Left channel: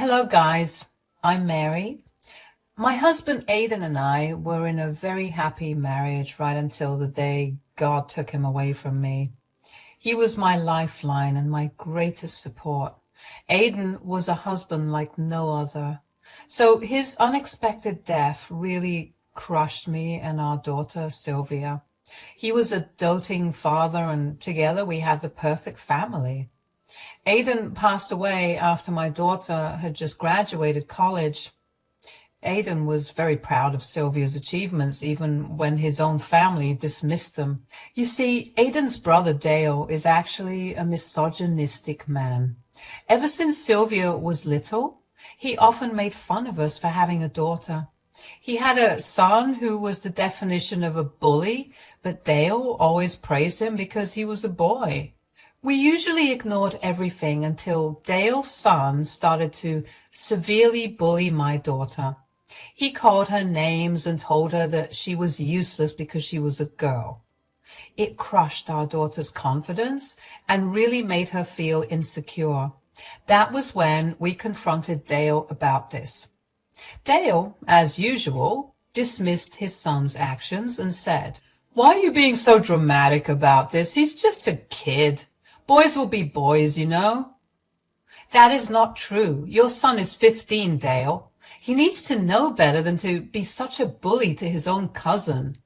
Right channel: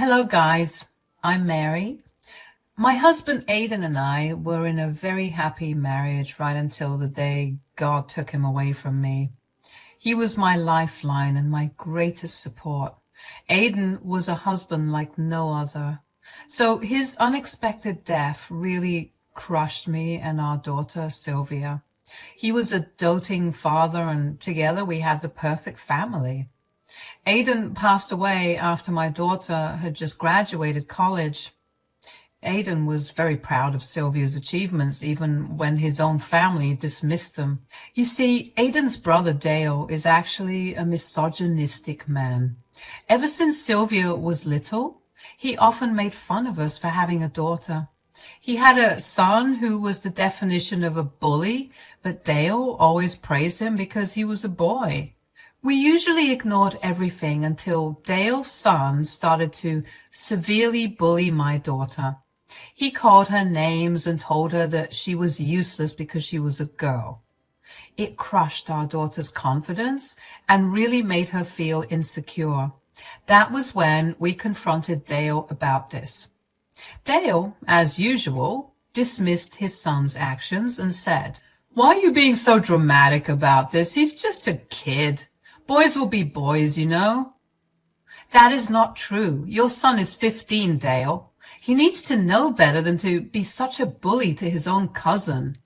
Hello, guys. I'm Mary. My husband Aidan and I were in a very happy marriage right until the day God took him away from me. He was my lifeline and my greatest support. Aidan was a husband like no other. So his unexpected death really crushed me and our daughter, Sylvia. He was a doting father, and together we had the perfect family. Aidan passed away after my daughter had just graduated college. Aidan was very proud of Sylvia's achievements, even when his own family dismissed them. You see, Aidan's brother Dale is actually a misogynistic man. Ever since Sylvia was little, he often made fun of us for having a daughter. He had a son who was the definition of a bully, but Dale always praised him because he was a boy. We usually ignored everything until Dale's son started to severely bully my daughter. He called her names and told her that she was useless because she was a girl. It crushed our daughter's confidence and really made her feel insecure. That was when we confronted Dale about this. Dale, as usual, dismissed his son's actions and said, "Why are you being so dramatic about this? He's just a kid. Boys will be boys, you know." "That is not true. Your son is 15, Dale. He needs to know better than to be such a bully to his own cousin."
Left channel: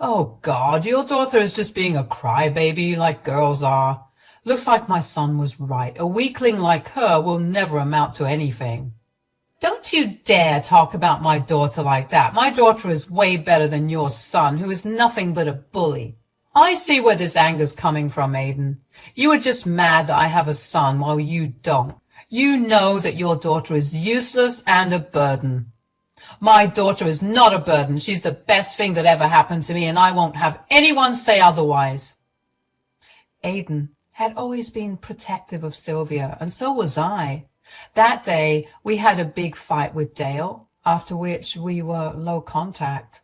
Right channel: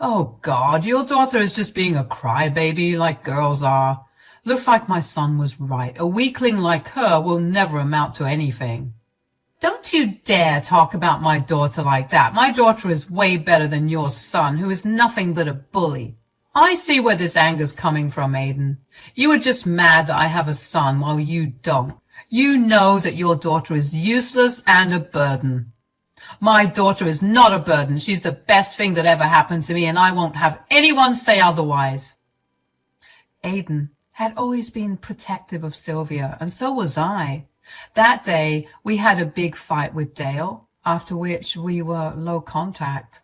"Oh, God, your daughter is just being a crybaby like girls are. Looks like my son was right. A weakling like her will never amount to anything." "Don't you dare talk about my daughter like that. My daughter is way better than your son, who is nothing but a bully." "I see where this anger's coming from, Aidan. You are just mad that I have a son while you don't. You know that your daughter is useless and a burden." "My daughter is not a burden. She's the best thing that ever happened to me, and I won't have anyone say otherwise." Aidan had always been protective of Sylvia, and so was I. That day, we had a big fight with Dale, after which we were low contact.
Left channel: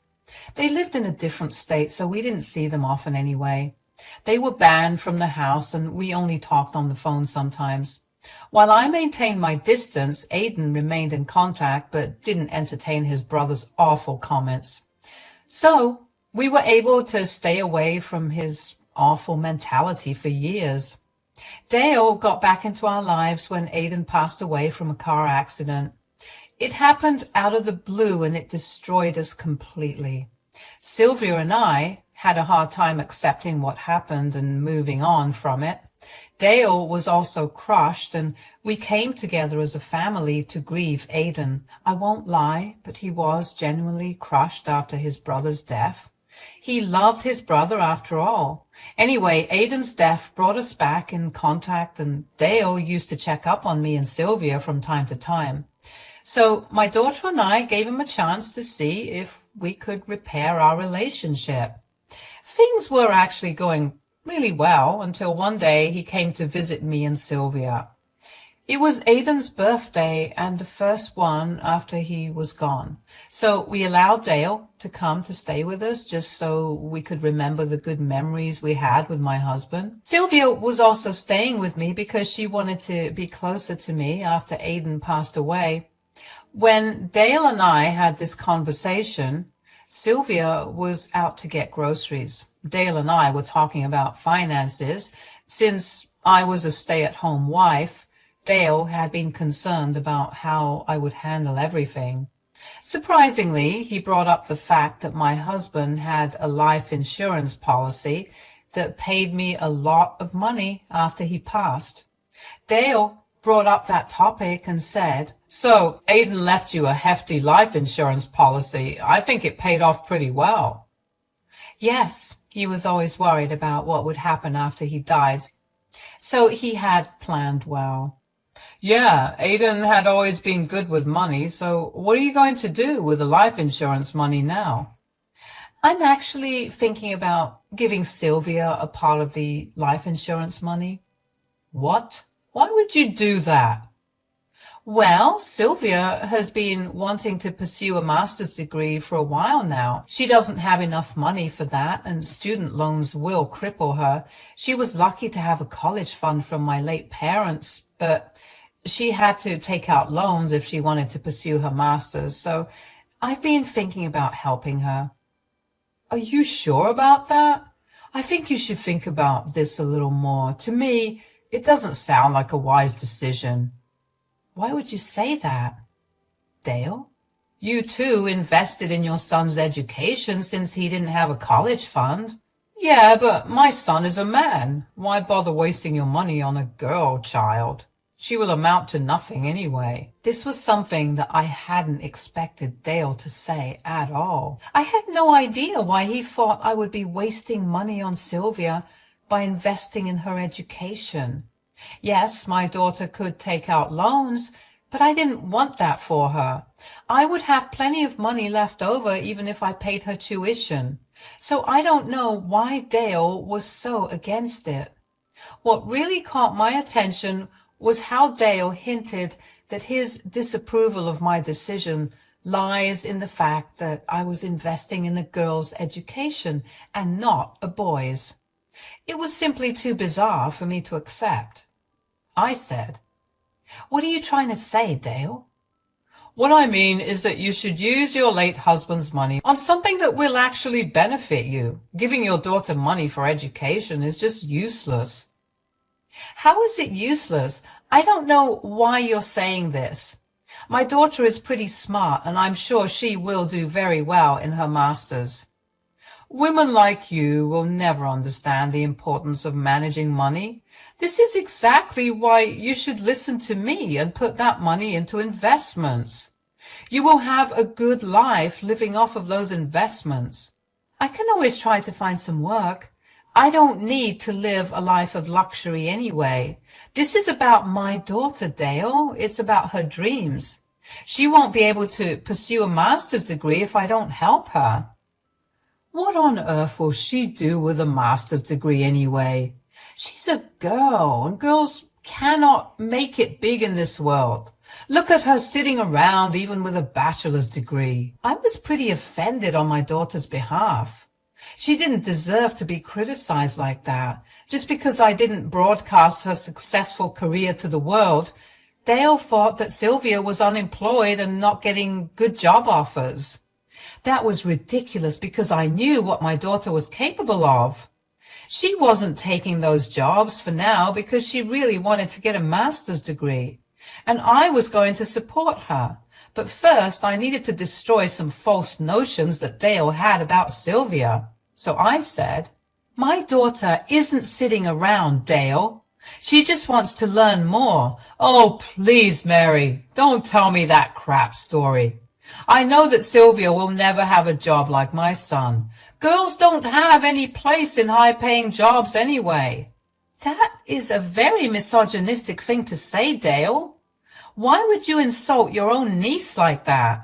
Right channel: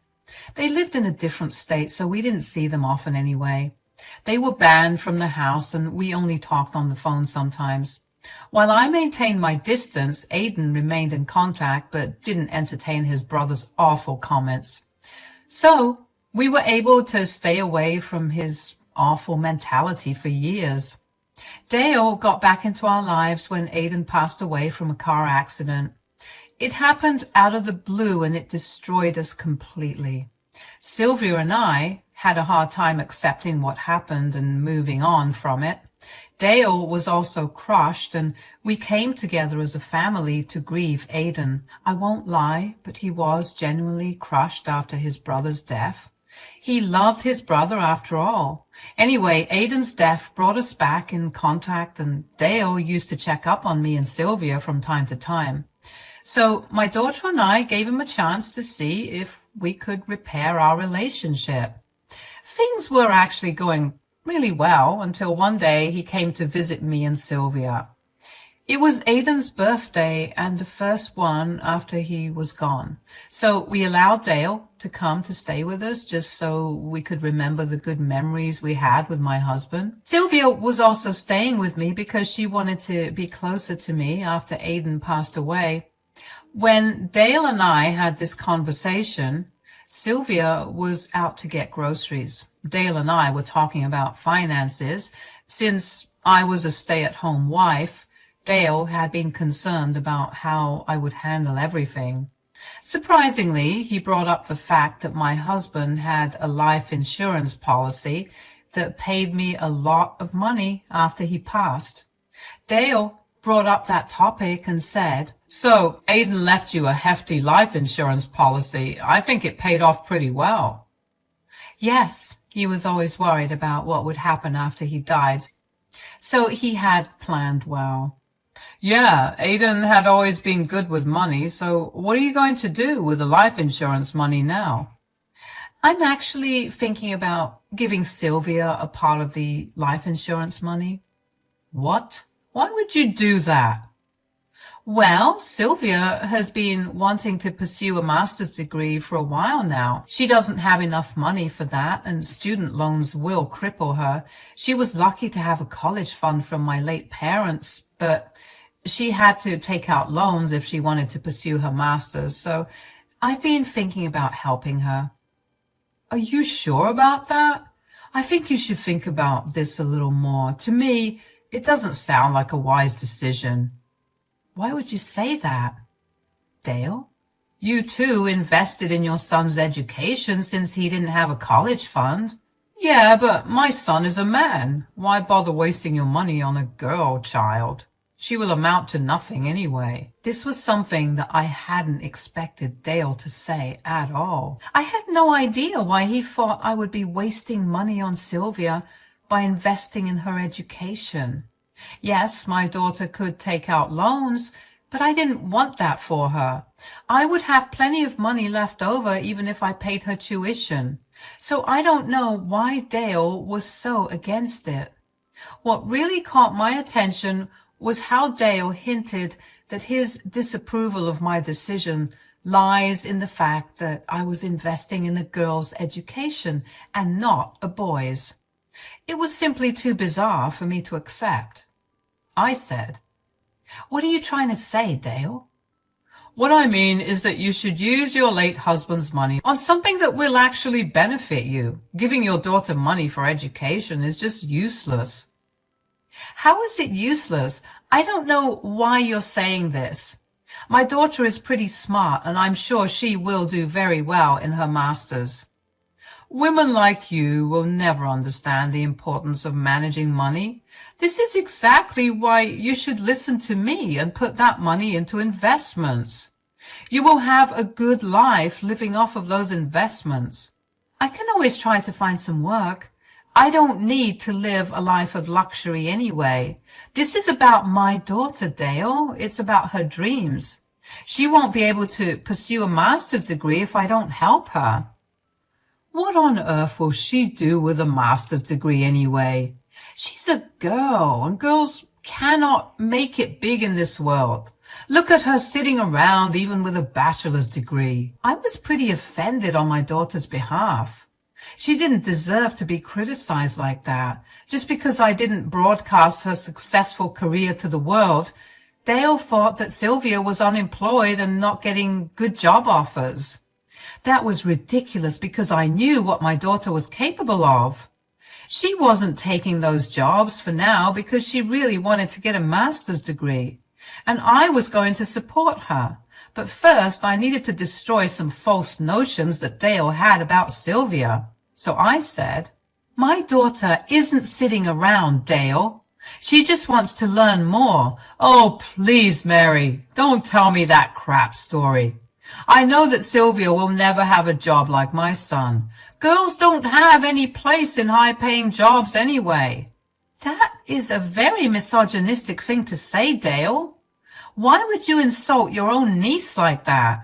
They lived in a different state, so we didn't see them often anyway. They were banned from the house, and we only talked on the phone sometimes. While I maintained my distance, Aidan remained in contact, but didn't entertain his brother's awful comments. So we were able to stay away from his awful mentality for years. Dale got back into our lives when Aidan passed away from a car accident. It happened out of the blue, and it destroyed us completely. Sylvia and I had a hard time accepting what happened and moving on from it. Dale was also crushed, and we came together as a family to grieve Aidan. I won't lie, but he was genuinely crushed after his brother's death. He loved his brother after all. Anyway, Aidan's death brought us back in contact, and Dale used to check up on me and Sylvia from time to time. So my daughter and I gave him a chance to see if we could repair our relationship. Things were actually going really well until one day he came to visit me and Sylvia. It was Aidan's birthday and the first one after he was gone. So we allowed Dale to come to stay with us just so we could remember the good memories we had with my husband. Sylvia was also staying with me because she wanted to be closer to me after Aidan passed away. When Dale and I had this conversation, Sylvia was out to get groceries. Dale and I were talking about finances. Since I was a stay-at-home wife, Dale had been concerned about how I would handle everything. Surprisingly, he brought up the fact that my husband had a life insurance policy that paid me a lot of money after he passed. Dale brought up that topic and said, "So Aidan left you a hefty life insurance policy. I think it paid off pretty well." Yes, he was always worried about what would happen after he died, so he had planned well. "Yeah, Aidan had always been good with money, so what are you going to do with the life insurance money now?" "I'm actually thinking about giving Sylvia a part of the life insurance money." "What? Why would you do that?" "Well, Sylvia has been wanting to pursue a master's degree for a while now. She doesn't have enough money for that, and student loans will cripple her. She was lucky to have a college fund from my late parents, but She had to take out loans if she wanted to pursue her master's, so I've been thinking about helping her. Are you sure about that? I think you should think about this a little more. To me, it doesn't sound like a wise decision. Why would you say that? Dale, you too invested in your son's education since he didn't have a college fund. Yeah, but my son is a man. Why bother wasting your money on a girl child? She will amount to nothing anyway. This was something that I hadn't expected Dale to say at all. I had no idea why he thought I would be wasting money on Sylvia by investing in her education. Yes, my daughter could take out loans, but I didn't want that for her. I would have plenty of money left over even if I paid her tuition. So I don't know why Dale was so against it. What really caught my attention was how Dale hinted that his disapproval of my decision lies in the fact that I was investing in a girl's education and not a boy's. It was simply too bizarre for me to accept. I said, "What are you trying to say, Dale?" "What I mean is that you should use your late husband's money on something that will actually benefit you. Giving your daughter money for education is just useless." How is it useless? I don't know why you're saying this. My daughter is pretty smart, and I'm sure she will do very well in her master's. Women like you will never understand the importance of managing money. This is exactly why you should listen to me and put that money into investments. You will have a good life living off of those investments. I can always try to find some work. I don't need to live a life of luxury anyway. This is about my daughter, Dale. It's about her dreams. She won't be able to pursue a master's degree if I don't help her. What on earth will she do with a master's degree anyway? She's a girl, and girls cannot make it big in this world. Look at her sitting around even with a bachelor's degree. I was pretty offended on my daughter's behalf. She didn't deserve to be criticized like that. Just because I didn't broadcast her successful career to the world, Dale thought that Sylvia was unemployed and not getting good job offers. That was ridiculous because I knew what my daughter was capable of. She wasn't taking those jobs for now because she really wanted to get a master's degree, and I was going to support her. But first I needed to destroy some false notions that Dale had about Sylvia. So I said, "My daughter isn't sitting around, Dale. She just wants to learn more." "Oh, please, Mary, don't tell me that crap story. I know that Sylvia will never have a job like my son. Girls don't have any place in high-paying jobs anyway." That is a very misogynistic thing to say, Dale. Why would you insult your own niece like that?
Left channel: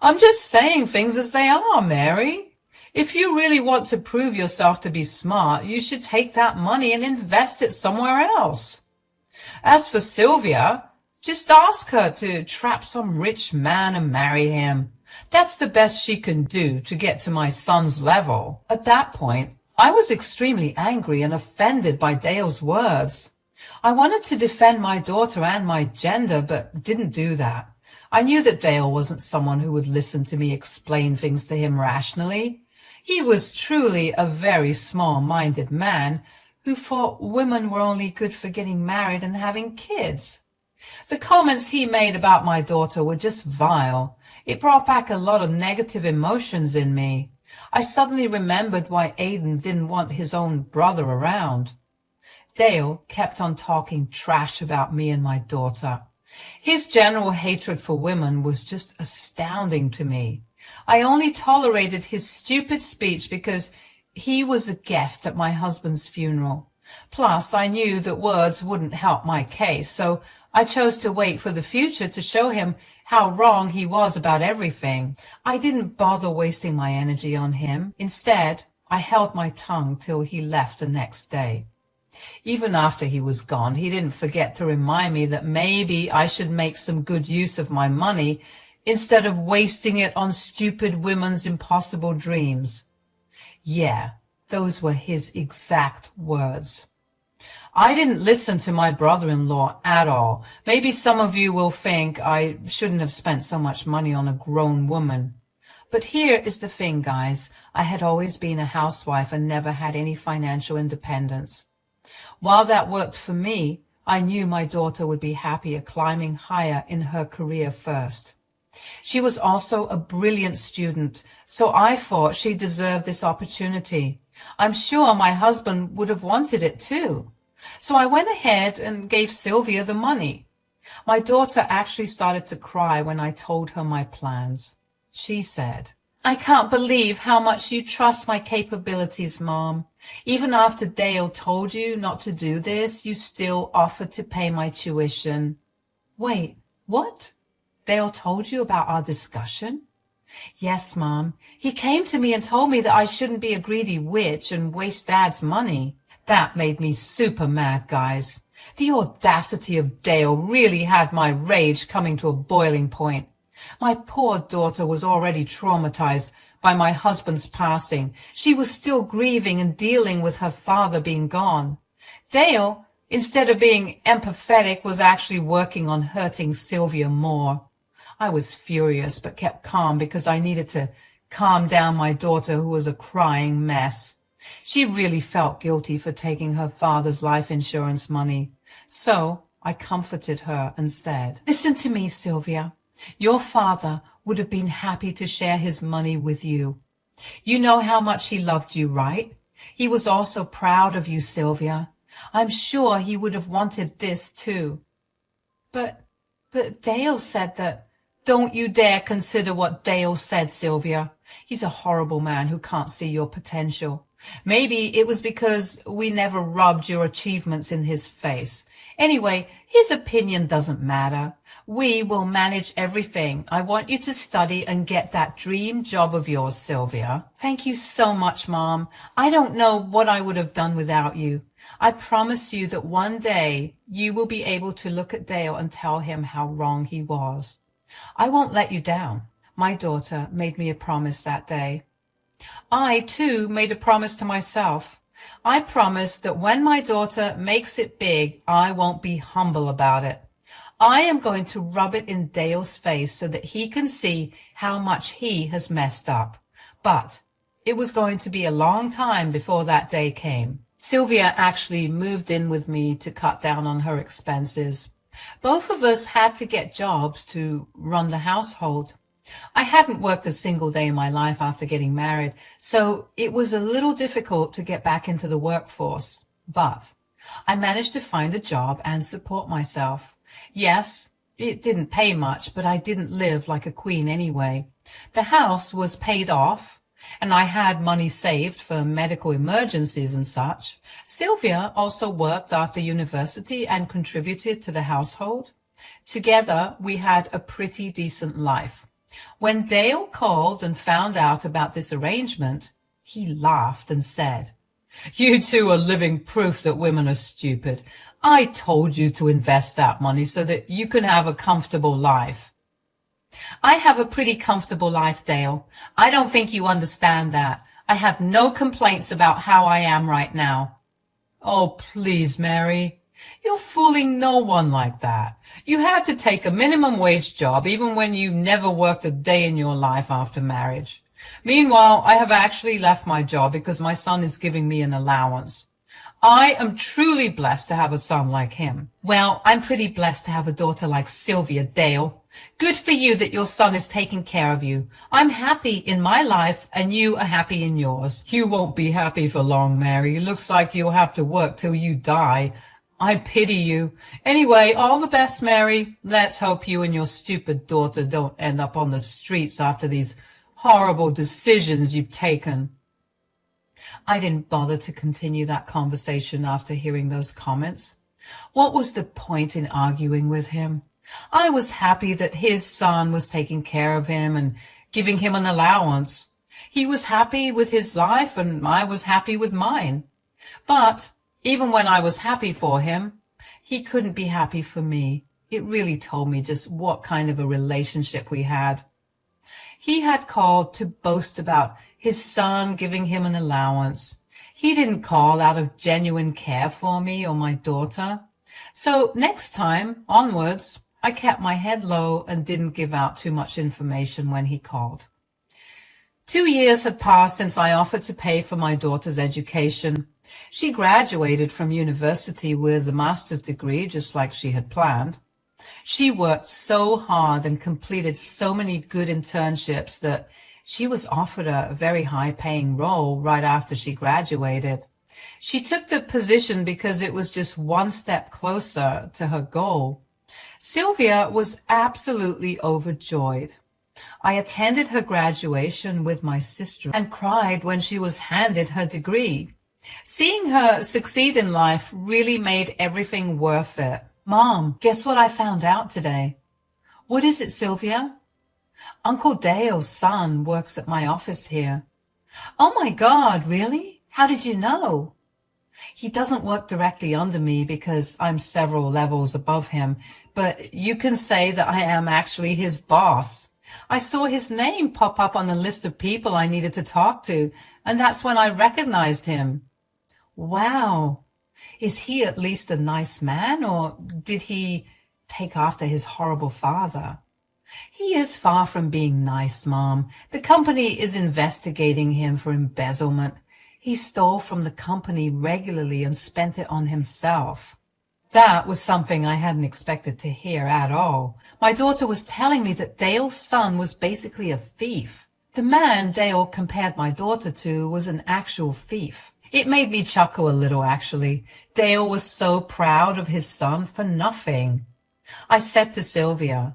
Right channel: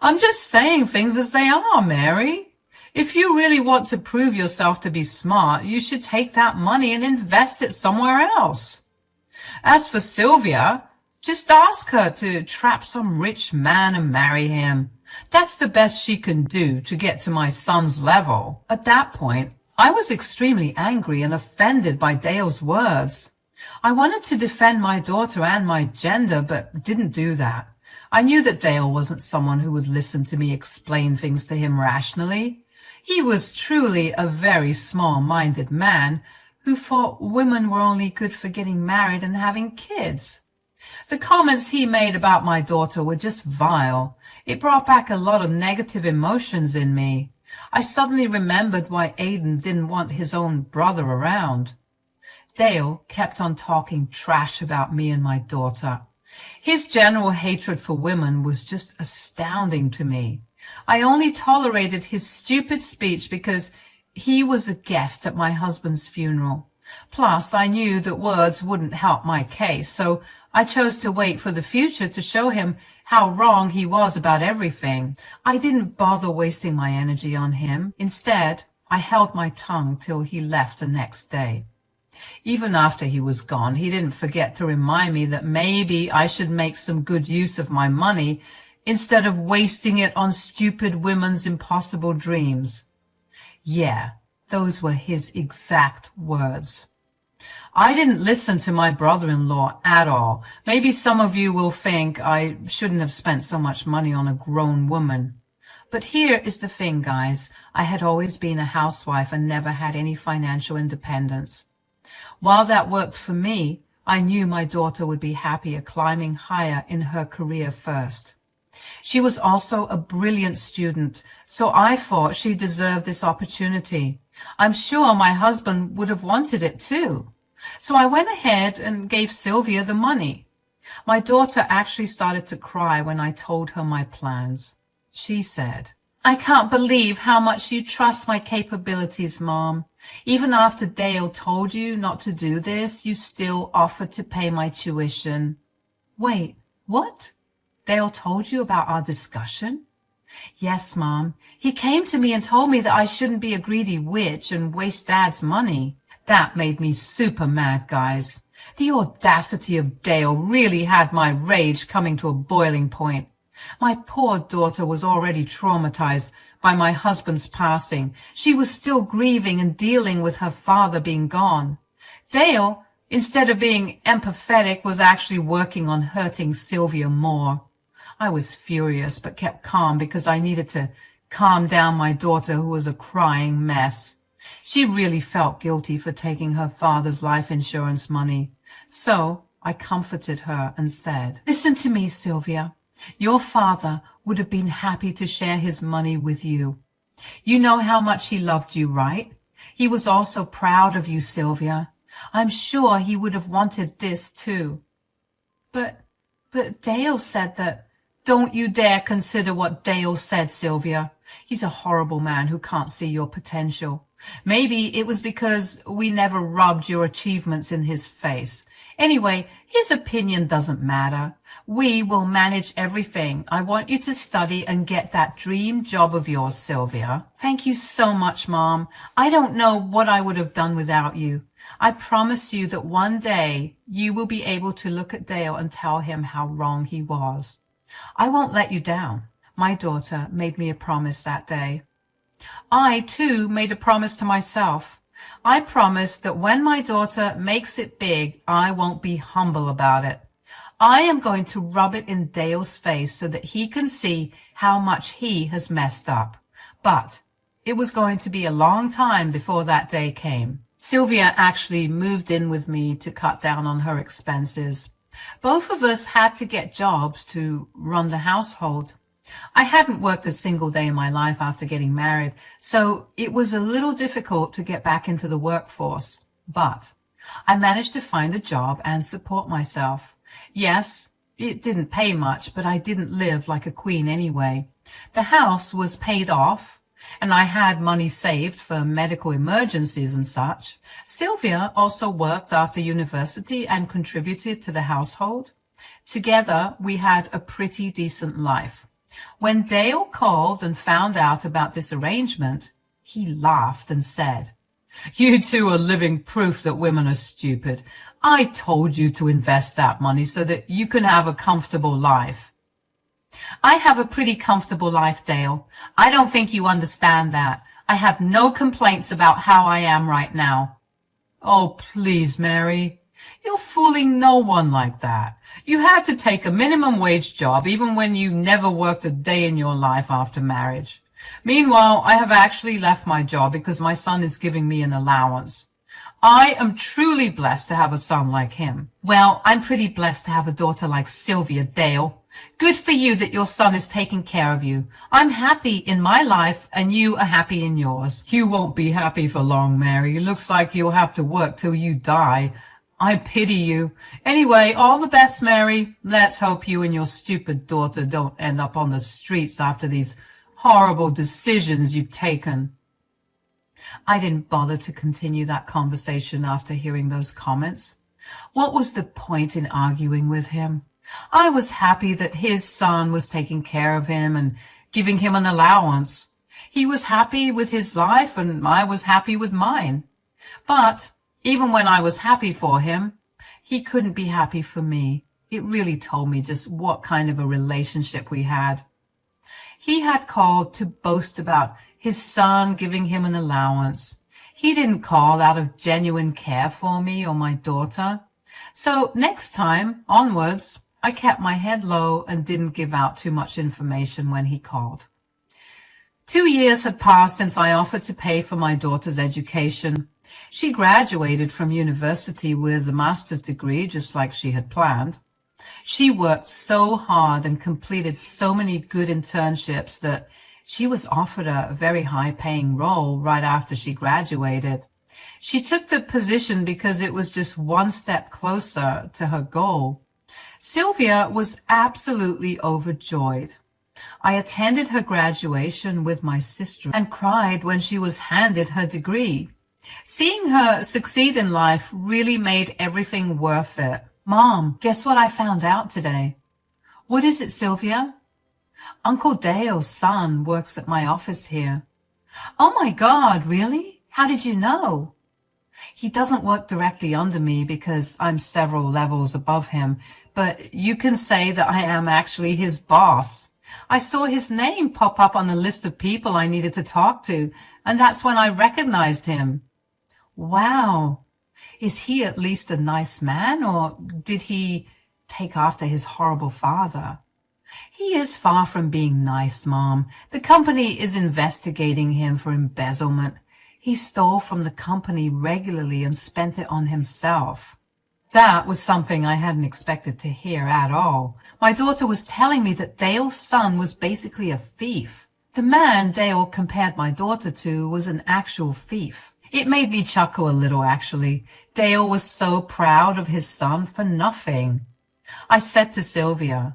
I'm just saying things as they are, Mary. If you really want to prove yourself to be smart, you should take that money and invest it somewhere else. As for Sylvia, just ask her to trap some rich man and marry him. That's the best she can do to get to my son's level. At that point, I was extremely angry and offended by Dale's words. I wanted to defend my daughter and my gender, but didn't do that. I knew that Dale wasn't someone who would listen to me explain things to him rationally. He was truly a very small-minded man who thought women were only good for getting married and having kids. The comments he made about my daughter were just vile. It brought back a lot of negative emotions in me. I suddenly remembered why Aiden didn't want his own brother around. Dale kept on talking trash about me and my daughter. His general hatred for women was just astounding to me. I only tolerated his stupid speech because he was a guest at my husband's funeral. Plus, I knew that words wouldn't help my case, so I chose to wait for the future to show him how wrong he was about everything. I didn't bother wasting my energy on him. Instead, I held my tongue till he left the next day. Even after he was gone, he didn't forget to remind me that maybe I should make some good use of my money instead of wasting it on stupid women's impossible dreams. Yeah, those were his exact words. I didn't listen to my brother-in-law at all. Maybe some of you will think I shouldn't have spent so much money on a grown woman. But here is the thing, guys. I had always been a housewife and never had any financial independence. While that worked for me, I knew my daughter would be happier climbing higher in her career first. She was also a brilliant student, so I thought she deserved this opportunity. I'm sure my husband would have wanted it too. So I went ahead and gave Sylvia the money. My daughter actually started to cry when I told her my plans. She said, "I can't believe how much you trust my capabilities, Mom. Even after Dale told you not to do this, you still offered to pay my tuition." Wait, what? Dale told you about our discussion? Yes, Mom. He came to me and told me that I shouldn't be a greedy witch and waste Dad's money. That made me super mad, guys. The audacity of Dale really had my rage coming to a boiling point. My poor daughter was already traumatized by my husband's passing. She was still grieving and dealing with her father being gone. Dale, instead of being empathetic, was actually working on hurting Sylvia more. I was furious but kept calm because I needed to calm down my daughter, who was a crying mess. She really felt guilty for taking her father's life insurance money. So I comforted her and said, "Listen to me, Sylvia. Your father would have been happy to share his money with you. You know how much he loved you, right? He was also proud of you, Sylvia. I'm sure he would have wanted this too." But Dale said that. Don't you dare consider what Dale said, Sylvia. He's a horrible man who can't see your potential. Maybe it was because we never rubbed your achievements in his face. Anyway, his opinion doesn't matter. We will manage everything. I want you to study and get that dream job of yours, Sylvia. Thank you so much, Mom. I don't know what I would have done without you. I promise you that one day you will be able to look at Dale and tell him how wrong he was. I won't let you down. My daughter made me a promise that day. I, too, made a promise to myself. I promised that when my daughter makes it big, I won't be humble about it. I am going to rub it in Dale's face so that he can see how much he has messed up. But it was going to be a long time before that day came. Sylvia actually moved in with me to cut down on her expenses. Both of us had to get jobs to run the household. I hadn't worked a single day in my life after getting married, so it was a little difficult to get back into the workforce. But I managed to find a job and support myself. Yes, it didn't pay much, but I didn't live like a queen anyway. The house was paid off, and I had money saved for medical emergencies and such. Sylvia also worked after university and contributed to the household. Together, we had a pretty decent life. When Dale called and found out about this arrangement, he laughed and said, "You two are living proof that women are stupid. I told you to invest that money so that you can have a comfortable life." I have a pretty comfortable life, Dale. I don't think you understand that. I have no complaints about how I am right now. Oh, please, Mary. You're fooling no one like that. You had to take a minimum wage job even when you never worked a day in your life after marriage. Meanwhile, I have actually left my job because my son is giving me an allowance. I am truly blessed to have a son like him. Well, I'm pretty blessed to have a daughter like Sylvia, Dale. Good for you that your son is taking care of you. I'm happy in my life and you are happy in yours. You won't be happy for long, Mary. It looks like you'll have to work till you die. I pity you. Anyway, all the best, Mary. Let's hope you and your stupid daughter don't end up on the streets after these horrible decisions you've taken. I didn't bother to continue that conversation after hearing those comments. What was the point in arguing with him? I was happy that his son was taking care of him and giving him an allowance. He was happy with his life and I was happy with mine. But even when I was happy for him, he couldn't be happy for me. It really told me just what kind of a relationship we had. He had called to boast about his son giving him an allowance. He didn't call out of genuine care for me or my daughter. So next time, onwards, I kept my head low and didn't give out too much information when he called. 2 years had passed since I offered to pay for my daughter's education. She graduated from university with a master's degree, just like she had planned. She worked so hard and completed so many good internships that she was offered a very high-paying role right after she graduated. She took the position because it was just one step closer to her goal. Sylvia was absolutely overjoyed. I attended her graduation with my sister and cried when she was handed her degree. Seeing her succeed in life really made everything worth it. Mom, guess what I found out today? What is it, Sylvia? Uncle Dale's son works at my office here. Oh my God, really? How did you know? He doesn't work directly under me because I'm several levels above him, but you can say that I am actually his boss. I saw his name pop up on the list of people I needed to talk to, and that's when I recognized him. Wow. Is he at least a nice man, or did he take after his horrible father? He is far from being nice, Mom. The company is investigating him for embezzlement. He stole from the company regularly and spent it on himself. That was something I hadn't expected to hear at all. My daughter was telling me that Dale's son was basically a thief. The man Dale compared my daughter to was an actual thief. It made me chuckle a little, actually. Dale was so proud of his son for nothing. I said to Sylvia,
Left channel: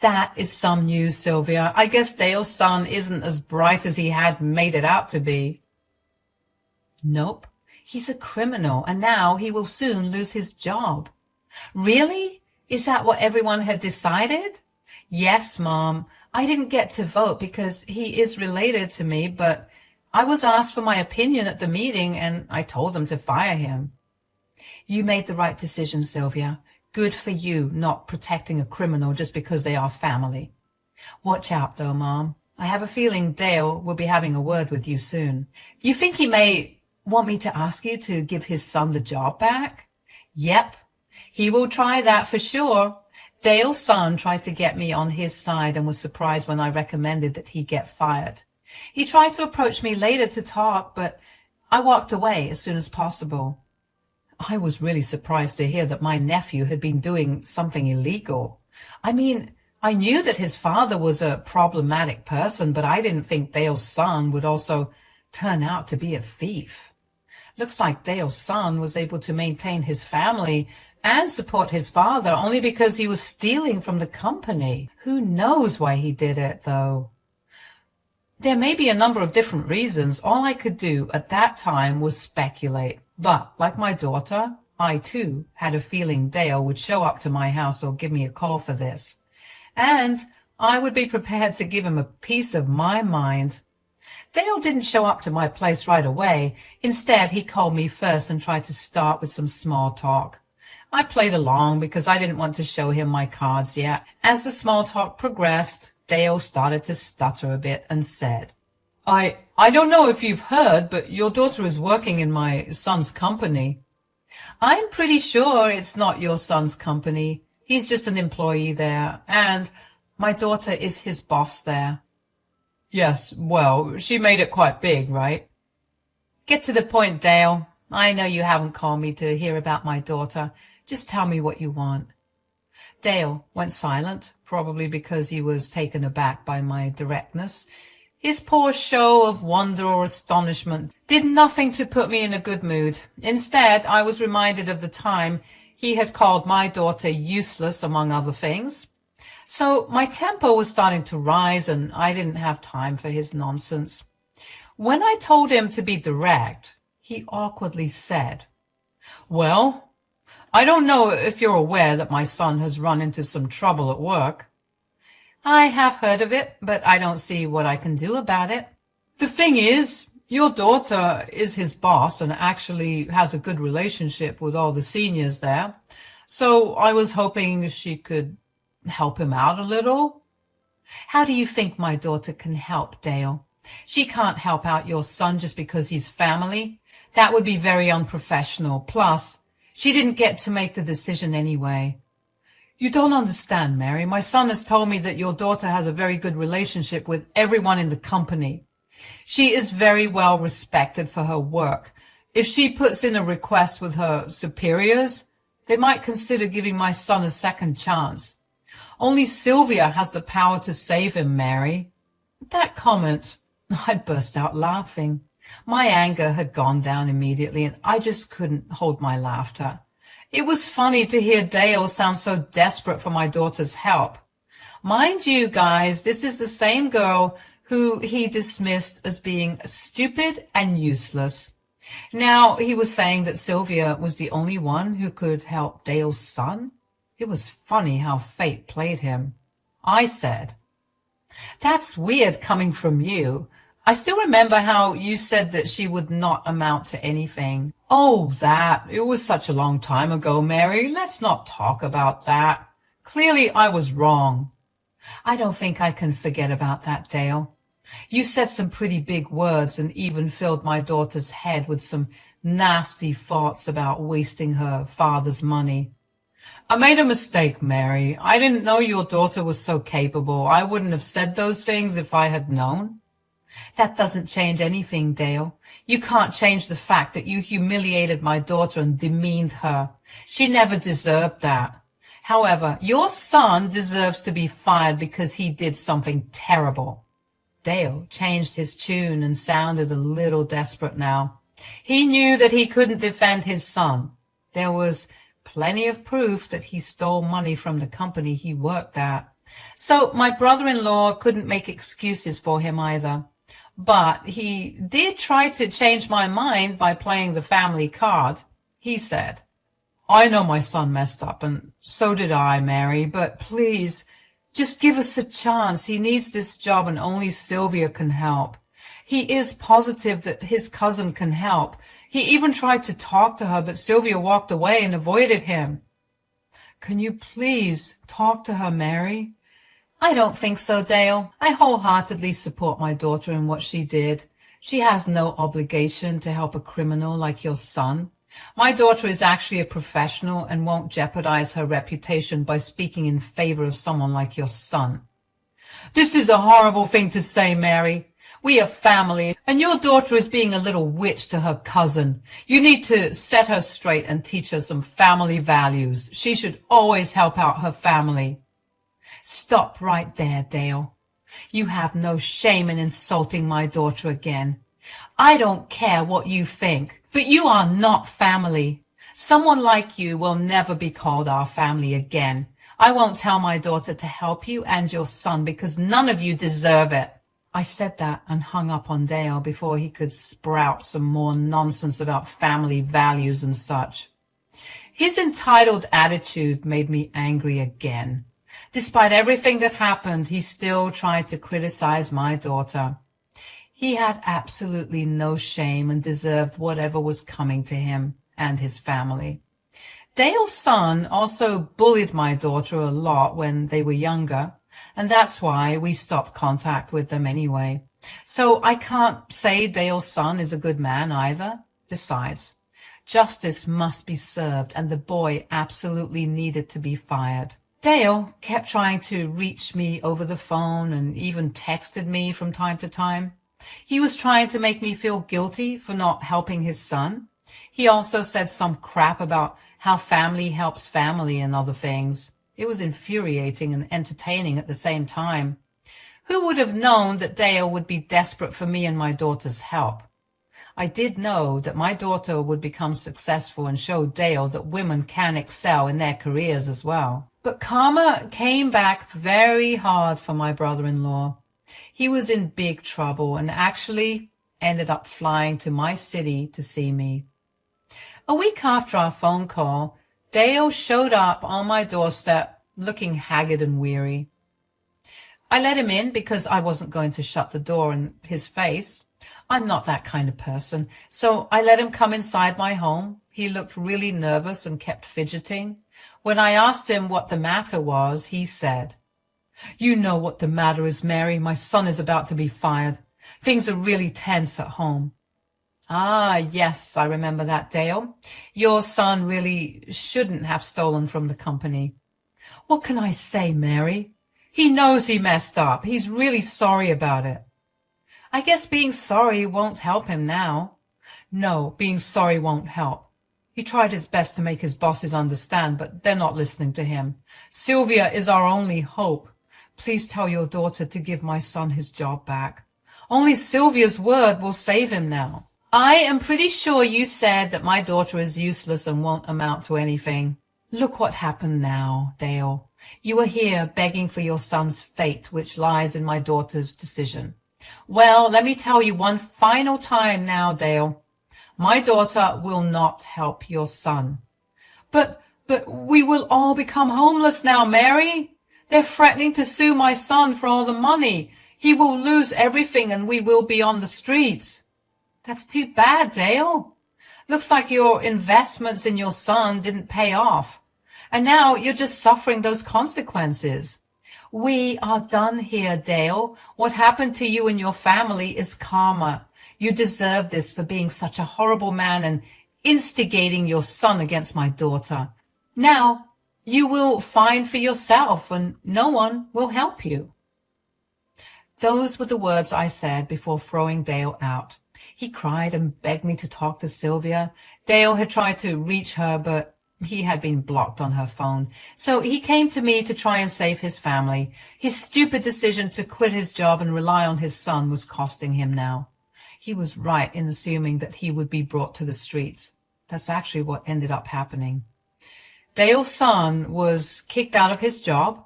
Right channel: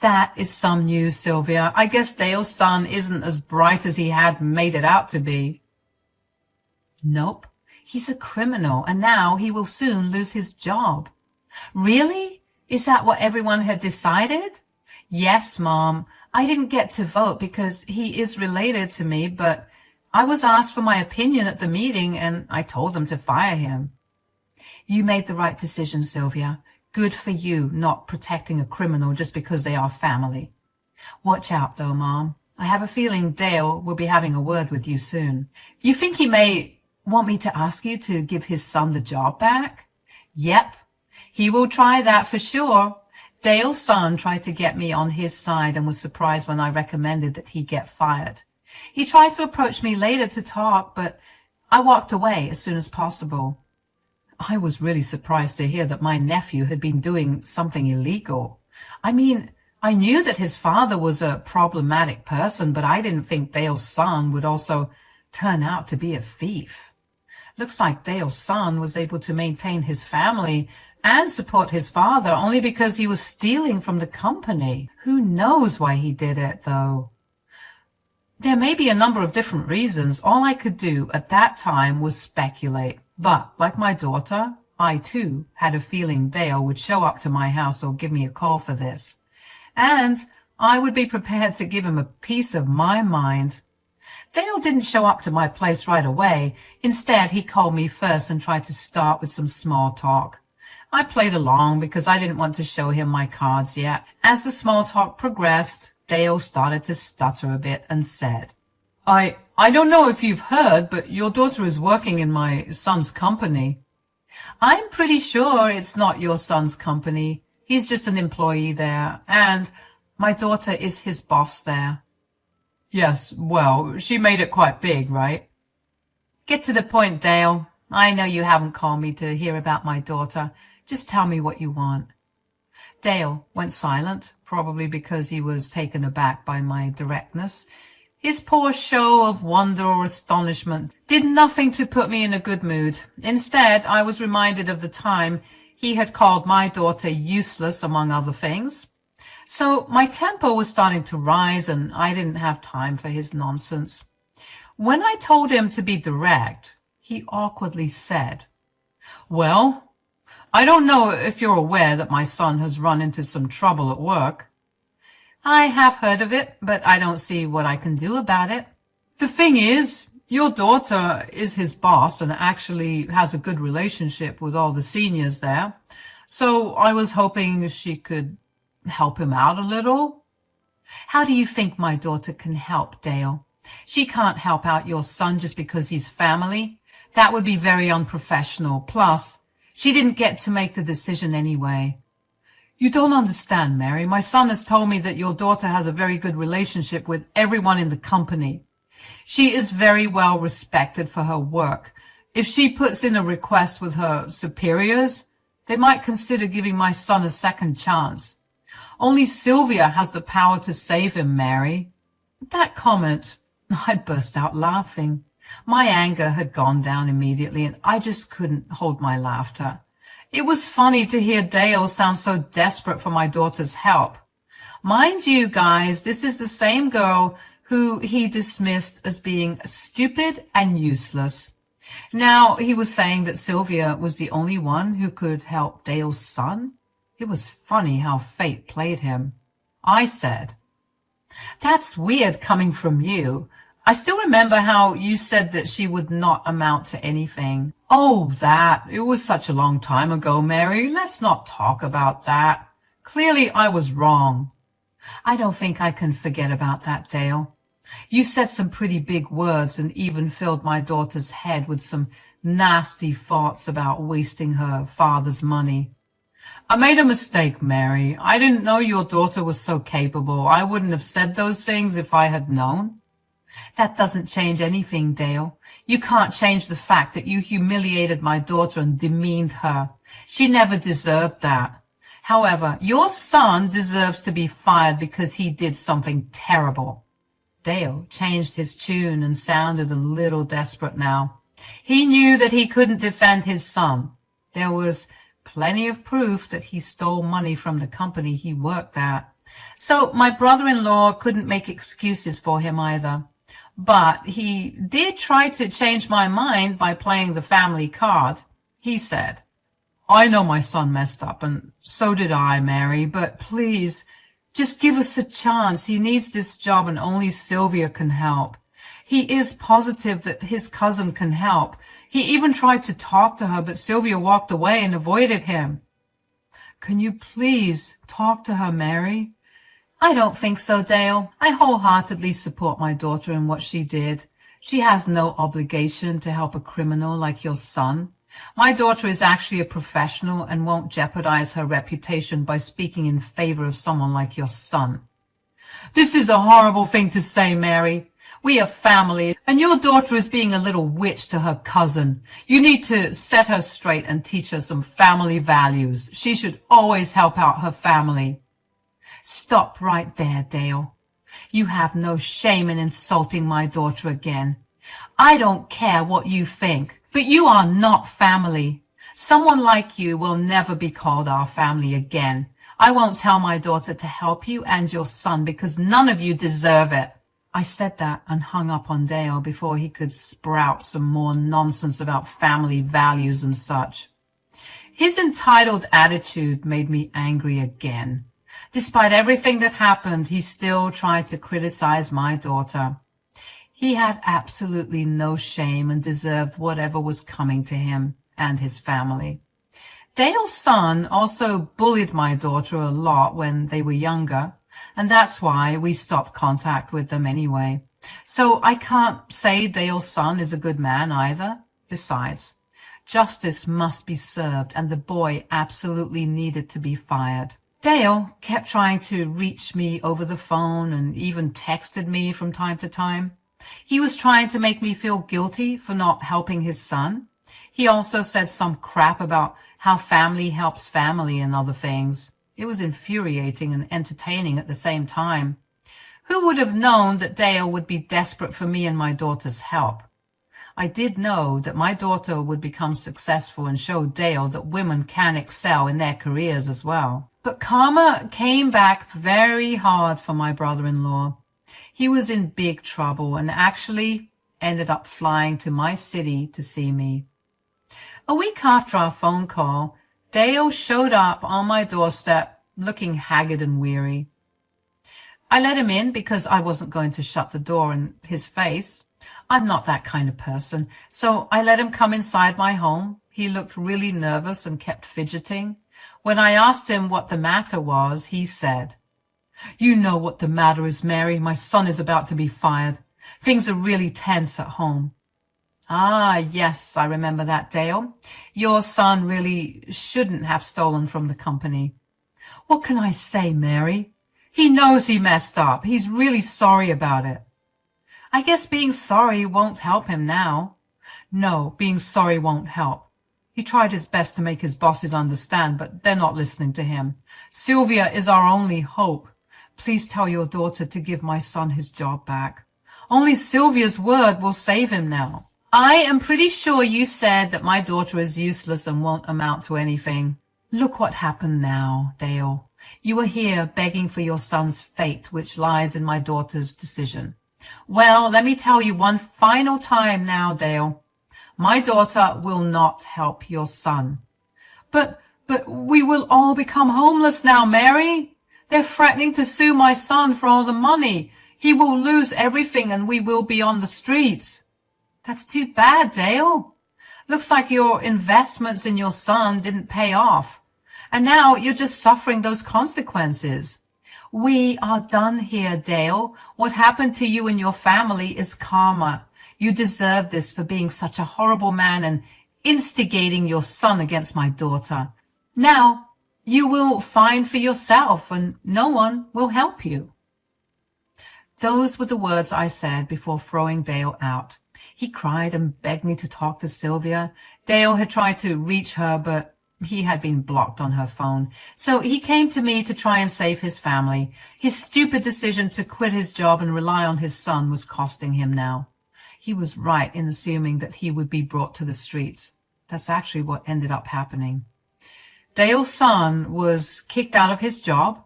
"That is some news, Sylvia. I guess Dale's son isn't as bright as he had made it out to be." "Nope. He's a criminal, and now he will soon lose his job." "Really? Is that what everyone had decided?" "Yes, Mom. I didn't get to vote because he is related to me, but I was asked for my opinion at the meeting, and I told them to fire him." "You made the right decision, Sylvia. Good for you, not protecting a criminal just because they are family. Watch out, though, Mom. I have a feeling Dale will be having a word with you soon." "You think he may want me to ask you to give his son the job back?" "Yep. He will try that for sure. Dale's son tried to get me on his side and was surprised when I recommended that he get fired. He tried to approach me later to talk, but I walked away as soon as possible. I was really surprised to hear that my nephew had been doing something illegal. I mean, I knew that his father was a problematic person, but I didn't think Dale's son would also turn out to be a thief. Looks like Dale's son was able to maintain his family and support his father only because he was stealing from the company. Who knows why he did it, though? There may be a number of different reasons. All I could do at that time was speculate. But, like my daughter, I too had a feeling Dale would show up to my house or give me a call for this. And I would be prepared to give him a piece of my mind. Dale didn't show up to my place right away. Instead, he called me first and tried to start with some small talk. I played along because I didn't want to show him my cards yet. As the small talk progressed, Dale started to stutter a bit and said, I don't know if you've heard, but your daughter is working in my son's company." "I'm pretty sure it's not your son's company. He's just an employee there, and my daughter is his boss there." "Yes, well, she made it quite big, right?" "Get to the point, Dale. I know you haven't called me to hear about my daughter. Just tell me what you want." Dale went silent, probably because he was taken aback by my directness. His poor show of wonder or astonishment did nothing to put me in a good mood. Instead, I was reminded of the time he had called my daughter useless, among other things. So my temper was starting to rise, and I didn't have time for his nonsense. When I told him to be direct, he awkwardly said, "Well, I don't know if you're aware that my son has run into some trouble at work." "I have heard of it, but I don't see what I can do about it." "The thing is, your daughter is his boss and actually has a good relationship with all the seniors there. So I was hoping she could help him out a little." "How do you think my daughter can help, Dale? She can't help out your son just because he's family. That would be very unprofessional. Plus, she didn't get to make the decision anyway. You don't understand, Mary. My son has told me that your daughter has a very good relationship with everyone in the company. She is very well respected for her work. If she puts in a request with her superiors, they might consider giving my son a second chance. Only Sylvia has the power to save him, Mary. At that comment, I burst out laughing. My anger had gone down immediately, and I just couldn't hold my laughter. It was funny to hear Dale sound so desperate for my daughter's help. Mind you, guys, this is the same girl who he dismissed as being stupid and useless. Now he was saying that Sylvia was the only one who could help Dale's son. It was funny how fate played him. I said, "That's weird coming from you. I still remember how you said that she would not amount to anything." "Oh, that. It was such a long time ago, Mary. Let's not talk about that. Clearly I was wrong." "I don't think I can forget about that, Dale. You said some pretty big words and even filled my daughter's head with some nasty thoughts about wasting her father's money." "I made a mistake, Mary. I didn't know your daughter was so capable. I wouldn't have said those things if I had known." "That doesn't change anything, Dale. You can't change the fact that you humiliated my daughter and demeaned her. She never deserved that. However, your son deserves to be fired because he did something terrible." Dale changed his tune and sounded a little desperate now. He knew that he couldn't defend his son. There was plenty of proof that he stole money from the company he worked at. So my brother-in-law couldn't make excuses for him either. But he did try to change my mind by playing the family card. He said, "I know my son messed up, and so did I, Mary, but please, just give us a chance. He needs this job, and only Sylvia can help. He is positive that his cousin can help. He even tried to talk to her, but Sylvia walked away and avoided him." "Can you please talk to her, Mary?" "I don't think so, Dale. I wholeheartedly support my daughter in what she did. She has no obligation to help a criminal like your son. My daughter is actually a professional and won't jeopardize her reputation by speaking in favor of someone like your son." "This is a horrible thing to say, Mary. We are family, and your daughter is being a little witch to her cousin. You need to set her straight and teach her some family values. She should always help out her family." "Stop right there, Dale. You have no shame in insulting my daughter again. I don't care what you think, but you are not family. Someone like you will never be called our family again. I won't tell my daughter to help you and your son because none of you deserve it." I said that and hung up on Dale before he could sprout some more nonsense about family values and such. His entitled attitude made me angry again. Despite everything that happened, he still tried to criticize my daughter. He had absolutely no shame and deserved whatever was coming to him and his family. Dale's son also bullied my daughter a lot when they were younger, and that's why we stopped contact with them anyway. So I can't say Dale's son is a good man either. Besides, justice must be served, and the boy absolutely needed to be fired. Dale kept trying to reach me over the phone and even texted me from time to time. He was trying to make me feel guilty for not helping his son. He also said some crap about how family helps family and other things. It was infuriating and entertaining at the same time. Who would have known that Dale would be desperate for me and my daughter's help? I did know that my daughter would become successful and show Dale that women can excel in their careers as well. But karma came back very hard for my brother-in-law. He was in big trouble and actually ended up flying to my city to see me. A week after our phone call, Dale showed up on my doorstep looking haggard and weary. I let him in because I wasn't going to shut the door in his face. I'm not that kind of person, so I let him come inside my home. He looked really nervous and kept fidgeting. When I asked him what the matter was, he said, "You know what the matter is, Mary. My son is about to be fired. Things are really tense at home. Ah, yes, I remember that, Dale. Your son really shouldn't have stolen from the company. What can I say, Mary? He knows he messed up. He's really sorry about it. I guess being sorry won't help him now. No, being sorry won't help. He tried his best to make his bosses understand, but they're not listening to him. Sylvia is our only hope. Please tell your daughter to give my son his job back. Only Sylvia's word will save him now. I am pretty sure you said that my daughter is useless and won't amount to anything. Look what happened now, Dale. You are here begging for your son's fate, which lies in my daughter's decision. Well, let me tell you one final time now, Dale. My daughter will not help your son. But we will all become homeless now, Mary. They're threatening to sue my son for all the money. He will lose everything and we will be on the streets. That's too bad, Dale. Looks like your investments in your son didn't pay off. And now you're just suffering those consequences. We are done here, Dale. What happened to you and your family is karma. You deserve this for being such a horrible man and instigating your son against my daughter. Now you will find for yourself and no one will help you. Those were the words I said before throwing Dale out. He cried and begged me to talk to Sylvia. Dale had tried to reach her, but he had been blocked on her phone. So he came to me to try and save his family. His stupid decision to quit his job and rely on his son was costing him now. He was right in assuming that he would be brought to the streets. That's actually what ended up happening. Dale's son was kicked out of his job.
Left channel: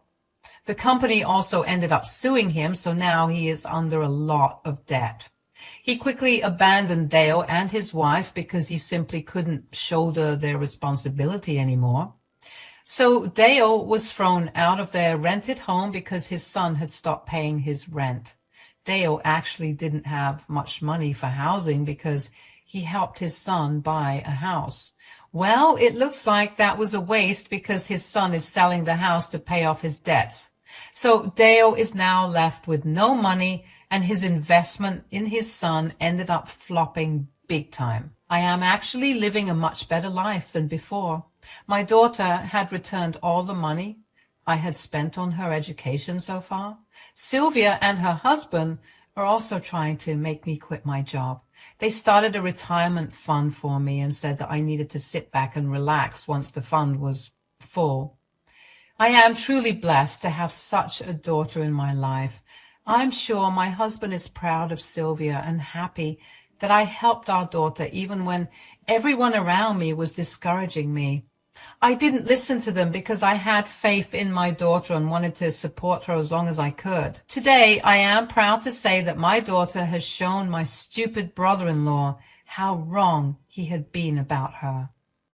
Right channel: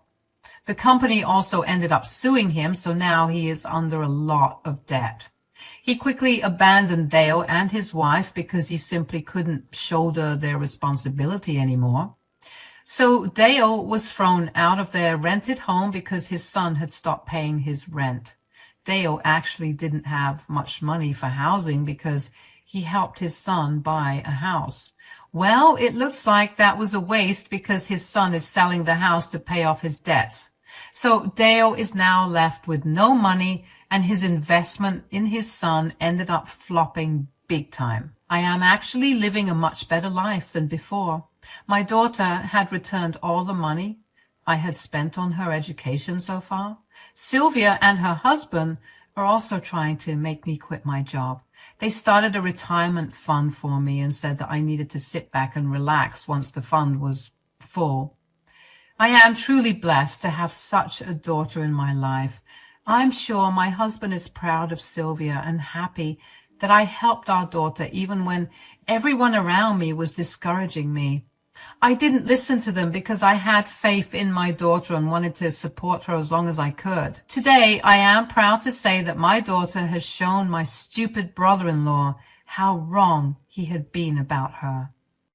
The company also ended up suing him, so now he is under a lot of debt. He quickly abandoned Dale and his wife because he simply couldn't shoulder their responsibility anymore. So Dale was thrown out of their rented home because his son had stopped paying his rent. Dale actually didn't have much money for housing because he helped his son buy a house. Well, it looks like that was a waste because his son is selling the house to pay off his debts. So Dale is now left with no money, and his investment in his son ended up flopping big time. I am actually living a much better life than before. My daughter had returned all the money I had spent on her education so far. Sylvia and her husband are also trying to make me quit my job. They started a retirement fund for me and said that I needed to sit back and relax once the fund was full. I am truly blessed to have such a daughter in my life. I'm sure my husband is proud of Sylvia and happy that I helped our daughter even when everyone around me was discouraging me. I didn't listen to them because I had faith in my daughter and wanted to support her as long as I could. Today, I am proud to say that my daughter has shown my stupid brother-in-law how wrong he had been about her.